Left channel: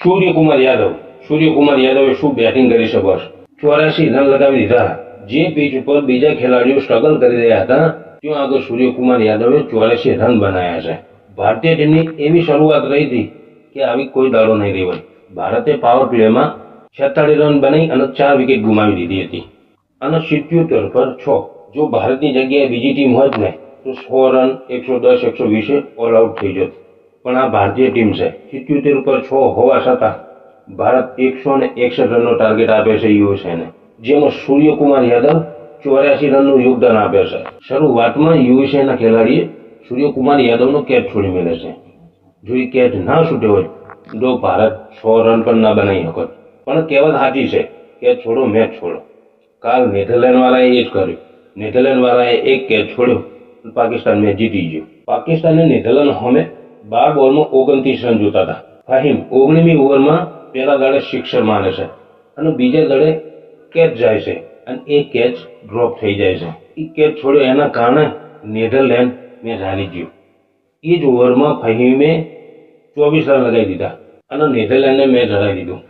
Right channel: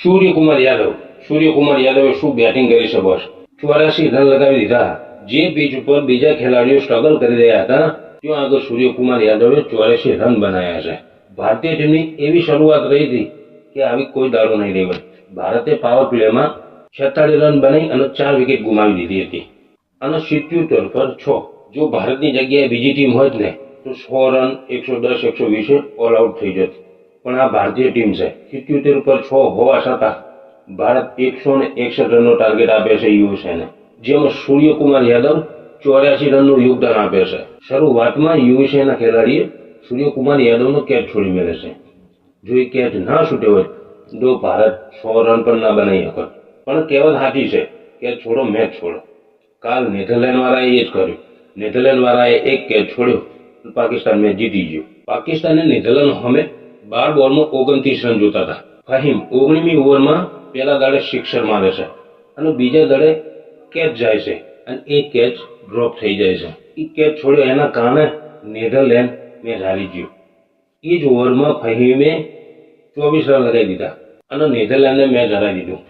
સૂર્યકુમાર યાદવે શું બેટિંગ કરી છે બોસ. 84 રન લગાવી દીધા. જે પીચ ઉપર બીજા ખેલાડીઓ સ્ટ્રગલ કરી રહ્યા હતા ત્યાં આગળ સૂર્યકુમાર યાદવે 84 રન બનાવ્યા છે. ભારતીય ટીમની એવી શરૂઆત રહી હતી કે આવી કોઈ દાડો નહીં રહી હોય. ભારતે પાવર પ્લેમાં 46 રન બનાવી અને 4 વિકેટ ગુમાવી દીધી હતી અને 77 પર 6. જો ભારતની જગ્યાએ બીજી ટીમ હોત ને તો 100 રન 110 120 ઓલ આઉટ થઈ જત. પણ આ ભારતીય ટીમ છે. 77 પર 6 હોવા છતાં ભારત 161 રનનો ટાર્ગેટ આપે છે યુએસએને, જેમાં સૂર્યકુમાર યાદવ 84 રનનું યોગદાન આપે છે. શરૂઆતમાં યુએસએના ખેલાડીએ સૂર્યકુમાર યાદવનો કેચ છોડી મેળવે છે. જો એ કેચ ના છૂટ્યો હોય તો ભારત 100 રન પણ ના બનાવી શકત. પણ કહેવત સાચી છે, કેચ છોડો મેચ છોડો. કાલ નેધરલેન્ડવાળાએ એ જ કર્યું. નેધરલેન્ડવાળાએ એક કેચ છોડ્યો, પાકિસ્તાન મેચ જીતી ગયું. પાકિસ્તાને નેધરલેન્ડ સામે 12 બોલમાં 29 રન જોતા હતા. ફહીમ 19મી ઓવરમાં પહેલા દાડે સિક્સર મારે છે અને બીજા દાડે કેચ જાય છે અને એ કેચ ડ્રોપ થઈ જાય છે. એ કેચ છોડ્યો એના કારણે નેધરલેન્ડ મેચ હારી ગયું. એ જ ઓવરમાં ફહીમે 24 રન લગાવી દીધા અને નેધરલેન્ડને મેચ હરાવી દીધું.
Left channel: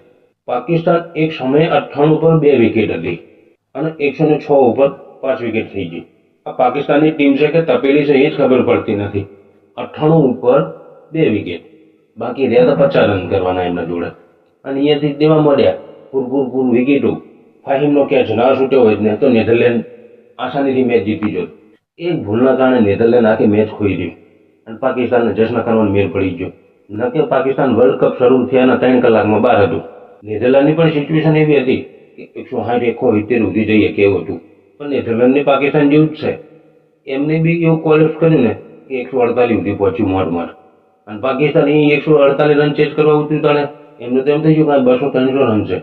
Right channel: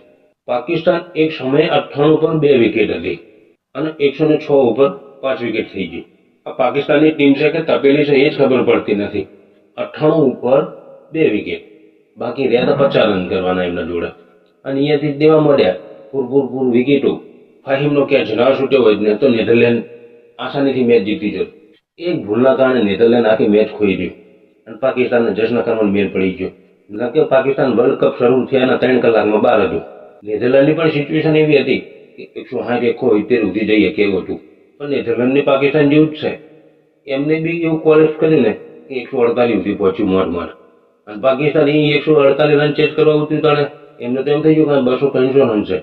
પાકિસ્તાન એક સમયે 98 પર 2 વિકેટ હતી અને 106 ઉપર 5 વિકેટ થઈ ગઈ. આ પાકિસ્તાનની ટીમ છે કે તપેલી છે એ જ ખબર પડતી નથી. 98 ઉપર 2 વિકેટ, બાકી રહ્યા તો 50 રન કરવાના એમના જોડે અને અહીંયાથી દેવા મળ્યા પૂર વિકેટો. ફહીમનો કેચ ના છૂટ્યો હોય ને તો નેધરલેન્ડ આસાનીથી મેચ જીતી જત. એક ભૂલના કારણે નેધરલેન્ડ આખી મેચ ખોઈ ગયું અને પાકિસ્તાનને જશ્ન કરવાનો મેળ પડી ગયો. ન કે પાકિસ્તાન વર્લ્ડ કપ શરૂ થયાના 3 કલાકમાં બહાર હતું. નેધરલેન્ડની પણ સિચ્યુએશન એવી હતી કે 160 170 સુધી જઈએ કેવું હતું. પણ નેધરલેન્ડની પાકિસ્તાન જેવું જ છે. એમને બી એવું ક્વોલિફાય કર્યું ને કે 148 સુધી પહોંચ્યું મોટ અને પાકિસ્તાન એ 148 રન ચેસ કરવા ઉતર્યું. એમને તો એમ થઈ ગયું કે 200-300 રન છે.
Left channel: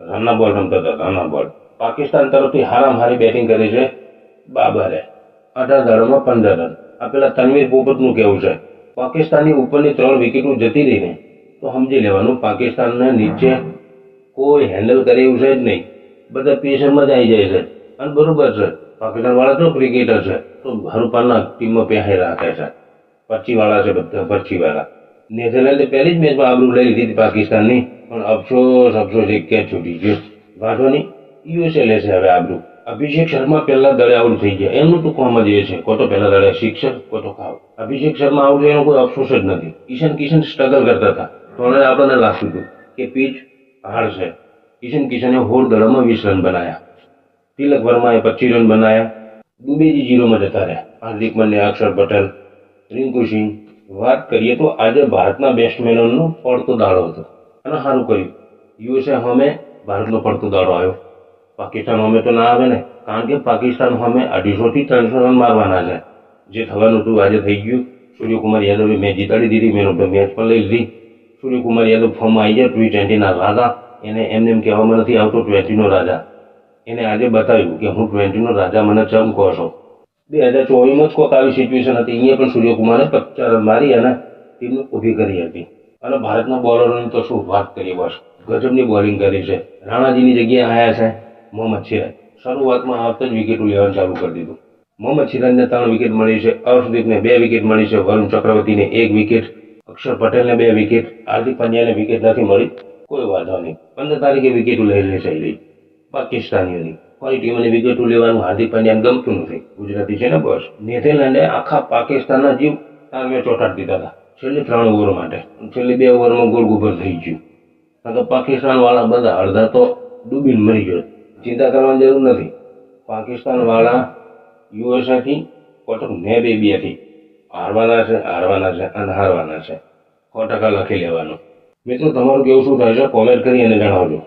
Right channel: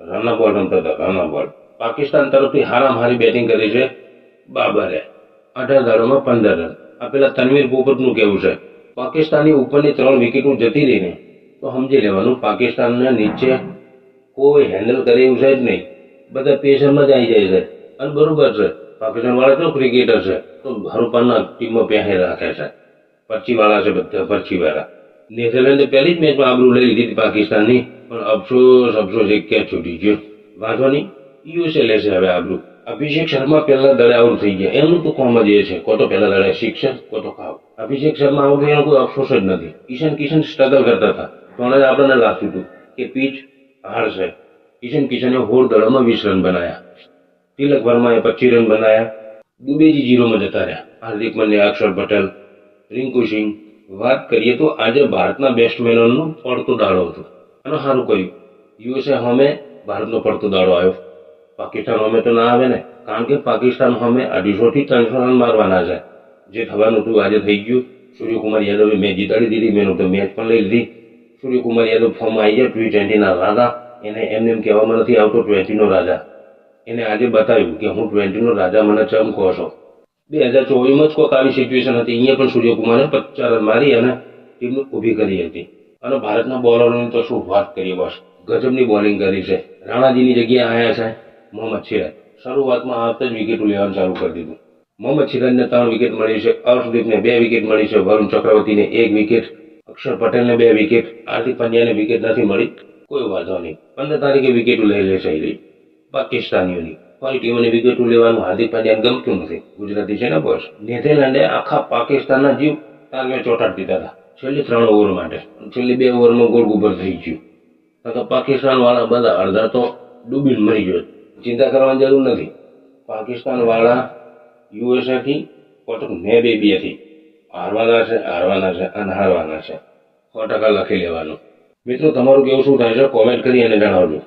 રનના બોલ રમતા હતા, રનના બોલ. પાકિસ્તાન તરફથી હારામાં હારી બેટિંગ કરી છે બાબરે, 18 દાડામાં 15 રન. આ પેલા તનવીર પોપટનું કેવું છે, પાકિસ્તાનની ઉપરની 3 વિકેટો જતી રહીને તો સમજી લેવાનું પાકિસ્તાનને નીચે કોઈ હેન્ડલ કરે એવું છે જ નહીં. બધા પેશરમાં જ આવી જાય છે અને બરોબર છે. પાકિસ્તાન વાળા તો ક્રિકેટર છે તો હરુપાનના ટીમમાં પહેરે રાખે છે. પરચીવાળા છે બધા, પરચીવાળા. નેધરલેન્ડે પહેલી જ મેચમાં આબરૂ લઈ લીધી હતી પાકિસ્તાનની, પણ અફસોસ એક કેચ છૂટી ગયો. વાંધો નહીં, યુએસએ લેશે હવે આબરૂ. અભિષેક શર્મા પહેલા દડે આઉટ થઈ ગયા. એમનું તો કોમ જ એ છે, કો તો પહેલા દડે શિક્ષક, કો તો ખાવ. અભિષેક શર્મા આઉટ થયો એનો કોઈ અફસોસ જ નથી. ઈશાન કિશન સ્ટ્રગલ કરતા હતા તો આપણને લાગતું હતું કે પીચ હાર્ડ છે. ઈશાન કિશને 16 દડામાં 20 રન બનાવ્યા. તિલક વર્માએ 25 રન બનાવ્યા. દુબેજી 0માં જતા રહ્યા. હાર્દિક પંડ્યા, અક્ષર પટેલ, રિંકુ સિંહ. વાત કરીએ તો આજે ભારતના બેટ્સમેનોનો પડતો દાડો હતો અને સારું કર્યું. યુએસએ સામે ભારતનો પડતો દાડો આવ્યો. પાકિસ્તાન સામે તો ના આવે ને, કારણ કે પાકિસ્તાન સામે 250 થી 300 રન મારવાના છે. જે થવાનું હતું આજે થઈ ગયું. સૂર્યકુમાર યાદવે મેચ જીતાડી દીધી, મેન ઓફ ધ મેચ પણ લઈ લીધી. સૂર્યકુમાર યાદવ ફોર્મમાં આવી જાય. T20ના રાજા. એને એમને એમ કહેવામાં નથી આવતો 20નો રાજા. એને આજે બતાવ્યું કે હું 20નો રાજા, મને ચમ કહો છો. 2024માં જ કોઈક આવી સિચ્યુએશન હતી. અહીંયા પણ સૂર્યકુમારે 50 રન મારી અને ટીમને ઊભી કરી હતી. અને ભારતના બોલરોની તો શું વાત કરીએ બોસ, ગજબની બોલિંગ કરી છે. રાણાજીની જગ્યાએ આવ્યા છે મોહમ્મદ સિરાજ. શરૂઆતમાં આવતા જ વિકેટો લેવાનું ચાલુ કરી દીધું. મોહમ્મદ સિરાજને 3 વિકેટ મળી છે, અર્શદીપને 2 વિકેટ મળી છે, વરુણ ચક્રવર્તીને 1 વિકેટ, અક્ષર પટેલને 2 વિકેટ, હાર્દિક પંડ્યાને વિકેટ નથી મળી. કોઈ વાંધો નહીં, 15 તારીખે વિકેટો લઈ લેશે પાકિસ્તાનીઓની. ફરી ટીમોની વિકેટો લેવાનું હાર્દિક પંડ્યાને ગમતું નથી. ગુજરાતી છે ને બોસ. નેધરલેન્ડે આખા પાકિસ્તાનના જીવ તારવે ચોંટાડી દીધા હતા છેલ્લી 3 ઓવર માટે. છેલ્લી 2 ઓવરમાં ગોળ ગુબર થઈ ગયું. કારણ કે પાકિસ્તાન વાળા બધા અડધા તો ડૂબીને મરી ગયો. ચિંતા કરવાની જરૂર નથી. પાકિસ્તાન વાળા યુએસએથી કોટક ને 2-2થી હારવાના છે અને હારવાના છે. 100% લખી લેવાનું. મિત્રો, તમારું કેવું શું થાય છે કોમેન્ટ કરી અને જણાવજો.